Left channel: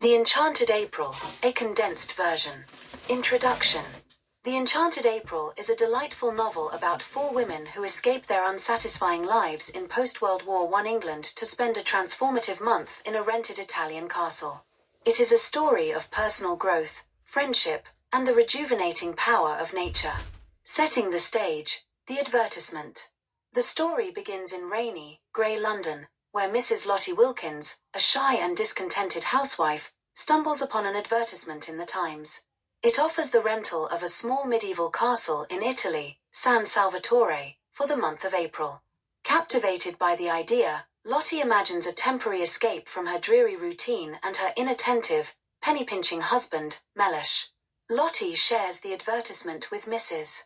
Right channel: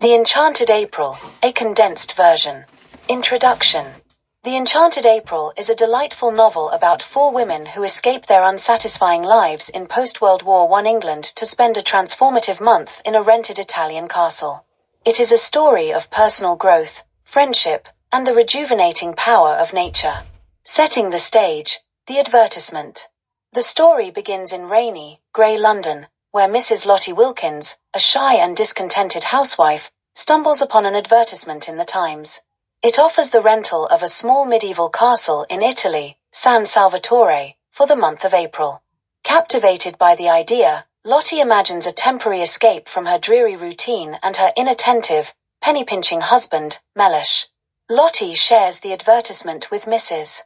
The Enchanted April, a condensed version. Introduction. The Enchanted April is a delightful novel about four women who escape their unsatisfying lives in post-World War I England to spend a transformative month in a rented Italian castle. It is a story of personal growth, friendship, and the rejuvenating power of nature. Setting the stage, the advertisement. The story begins in rainy, grey London, where Mrs. Lottie Wilkins, a shy and discontented housewife, stumbles upon an advertisement in the Times. It offers the rental of a small medieval castle in Italy, San Salvatore, for the month of April. Captivated by the idea, Lottie imagines a temporary escape from her dreary routine and her inattentive, penny-pinching husband, Mellish. Lottie shares the advertisement with Mrs.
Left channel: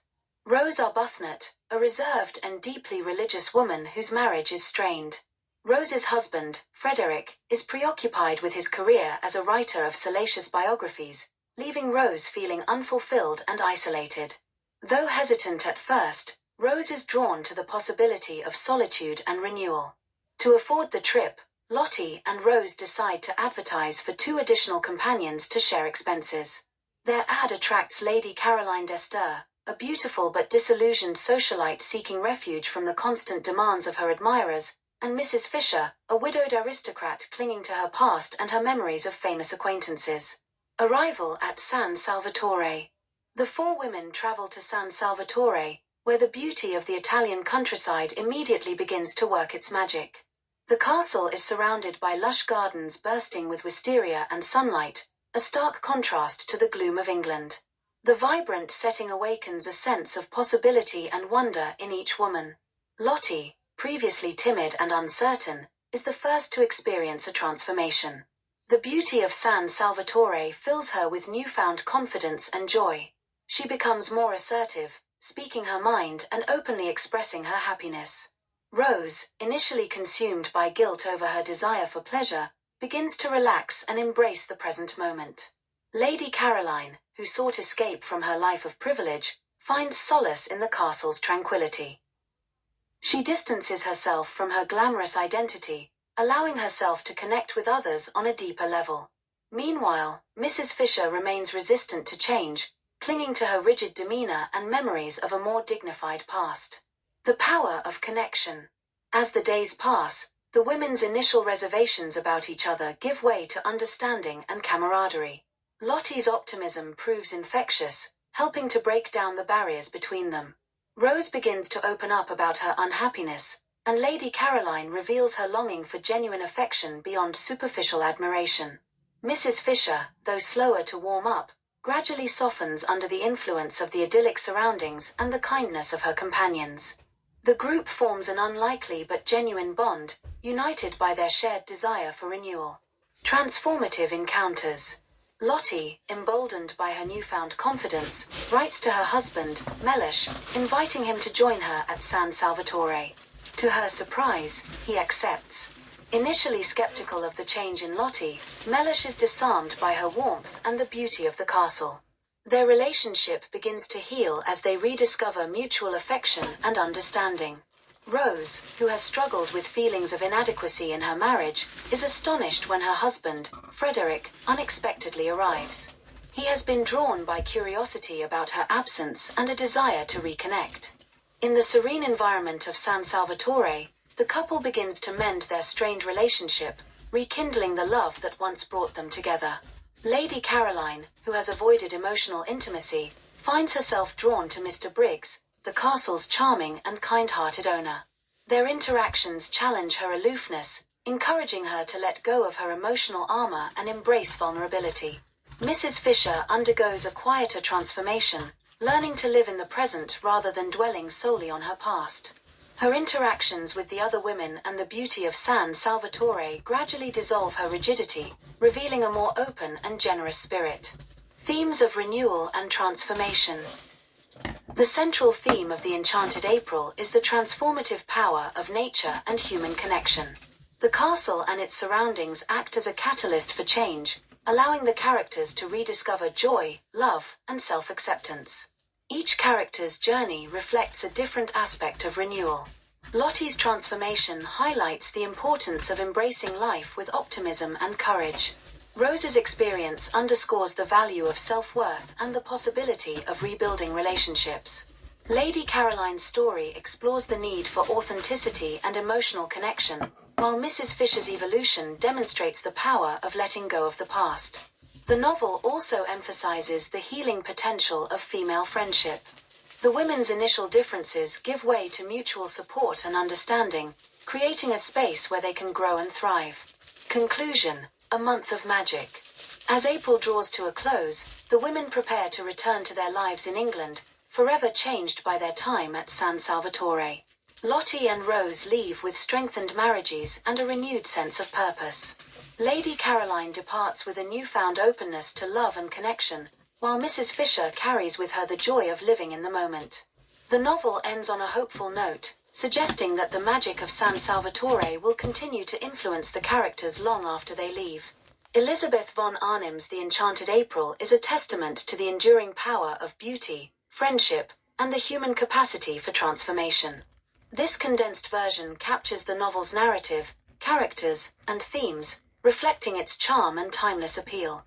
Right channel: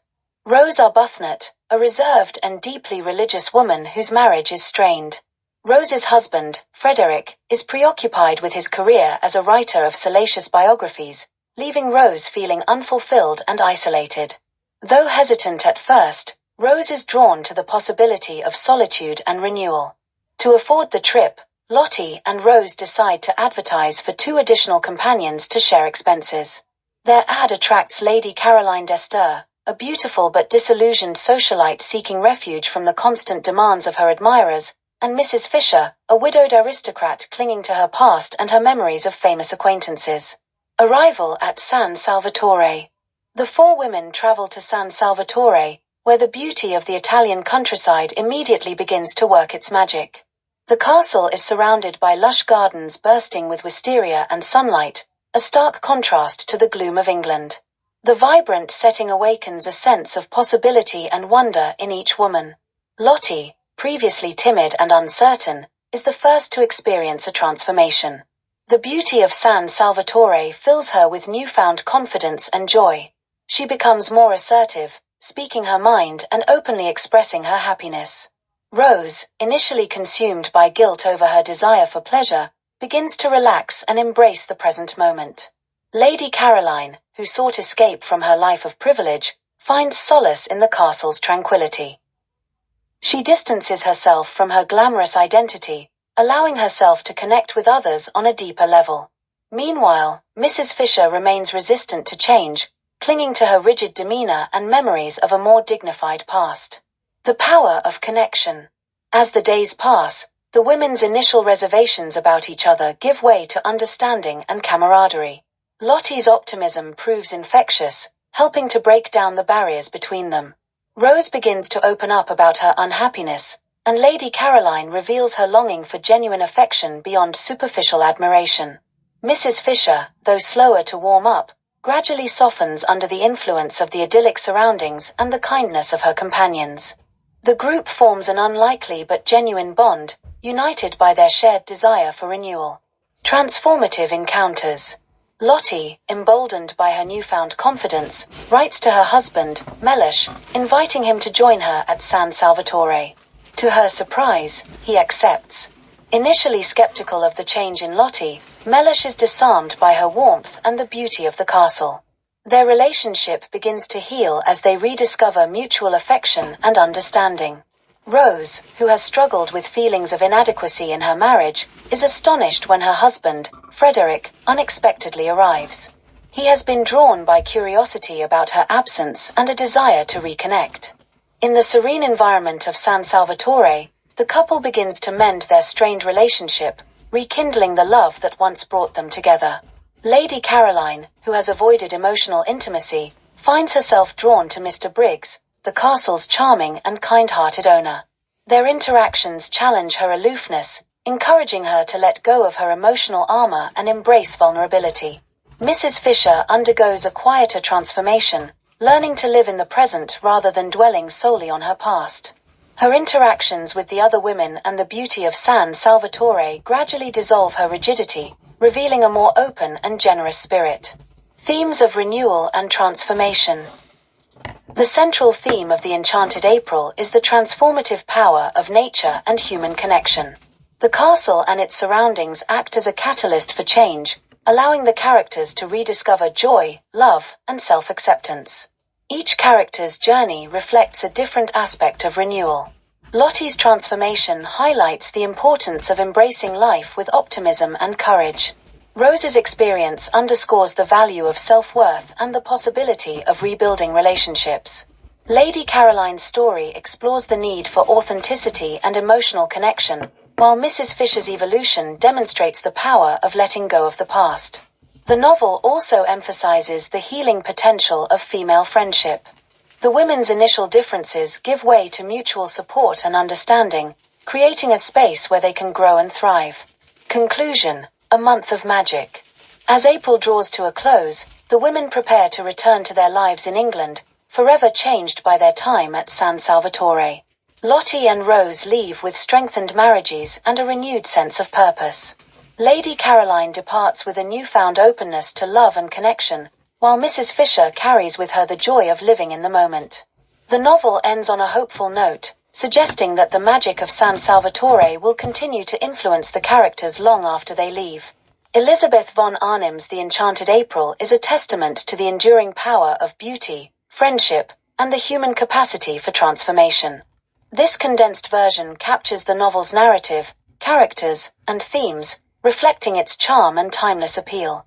Rose Arbuthnot, a reserved and deeply religious woman whose marriage is strained. Rose's husband, Frederick, is preoccupied with his career as a writer of salacious biographies, leaving Rose feeling unfulfilled and isolated. Though hesitant at first, Rose is drawn to the possibility of solitude and renewal. To afford the trip, Lottie and Rose decide to advertise for 2 additional companions to share expenses. Their ad attracts Lady Caroline d'Ester, a beautiful but disillusioned socialite seeking refuge from the constant demands of her admirers, and Mrs. Fisher, a widowed aristocrat clinging to her past and her memories of famous acquaintances. Arrival at San Salvatore. The 4 women travel to San Salvatore, where the beauty of the Italian countryside immediately begins to work its magic. The castle is surrounded by lush gardens bursting with wisteria and sunlight, a stark contrast to the gloom of England. The vibrant setting awakens a sense of possibility and wonder in each woman. Lottie, previously timid and uncertain, is the first to experience a transformation. The beauty of San Salvatore fills her with newfound confidence and joy. She becomes more assertive, speaking her mind and openly expressing her happiness. Rose, initially consumed by guilt over her desire for pleasure, begins to relax and embrace the present moment. Lady Caroline, who sought escape from her life of privilege, finds solace in the castle's tranquility. She distances herself from her glamorous identity, allowing herself to connect with others on a deeper level. Meanwhile, Mrs. Fisher remains resistant to change, clinging to her rigid demeanor and memories of a more dignified past. The power of connection. As the days pass, the women's initial reservations about each other give way to understanding and camaraderie. Lottie's optimism proves infectious, helping to break down the barriers between them. Rose begins to open up about her unhappiness, and Lady Caroline reveals her longing for genuine affection beyond superficial admiration. Mrs. Fisher, though slower to warm up, gradually softens under the influence of the idyllic surroundings and the kindness of her companions. The group forms an unlikely but genuine bond, united by their shared desire for renewal. Transformative encounters. Lottie, emboldened by her newfound confidence, writes to her husband, Mellish, inviting him to join her at San Salvatore. To her surprise, he accepts. Initially skeptical of the change in Lottie, Mellish is disarmed by her warmth and the beauty of the castle. Their relationship begins to heal as they rediscover mutual affection and understanding. Rose, who has struggled with feelings of inadequacy in her marriage, is astonished when her husband, Frederick, unexpectedly arrives. He has been drawn by curiosity about her absence and a desire to reconnect. In the serene environment of San Salvatore, the couple begins to mend their strained relationship, rekindling the love that once brought them together. Lady Caroline, who has avoided emotional intimacy, finds herself drawn to Mr. Briggs, the castle's charming and kind-hearted owner. Their interactions challenge her aloofness, encouraging her to let go of her emotional armor and embrace vulnerability. Mrs. Fisher undergoes a quieter transformation, learning to live in the present rather than dwelling solely on her past. Her interactions with the other women and the beauty of San Salvatore gradually dissolve her rigidity, revealing a more open and generous spirit. Themes of renewal and transformation. The central theme of the Enchanted April is the transformative power of nature and human connection. The castle and its surroundings act as a catalyst for change, allowing the characters to rediscover joy, love, and self-acceptance. Each character's journey reflects a different aspect of renewal. Lottie's transformation highlights the importance of embracing life with optimism and courage. Rose's experience underscores the value of self-worth and the possibility of rebuilding relationships. Lady Caroline's story explores the need for authenticity and emotional connection, while Mrs. Fisher's evolution demonstrates the power of letting go of the past. The novel also emphasizes the healing potential of female friendship. The women's initial differences give way to mutual support and understanding, creating a space where they can grow and thrive. Conclusion: a month of magic. As April draws to a close, the women prepare to return to their lives in England, forever changed by their time at San Salvatore. Lottie and Rose leave with strengthened marriages and a renewed sense of purpose. Lady Caroline departs with a newfound openness to love and connection, while Mrs. Fisher carries with her the joy of living in the moment. The novel ends on a hopeful note, suggesting that the magic of San Salvatore will continue to influence the characters long after they leave. Elizabeth von Arnim's The Enchanted April is a testament to the enduring power of beauty, friendship, and the human capacity for transformation. This condensed version captures the novel's narrative, characters, and themes, reflecting its charm and timeless appeal.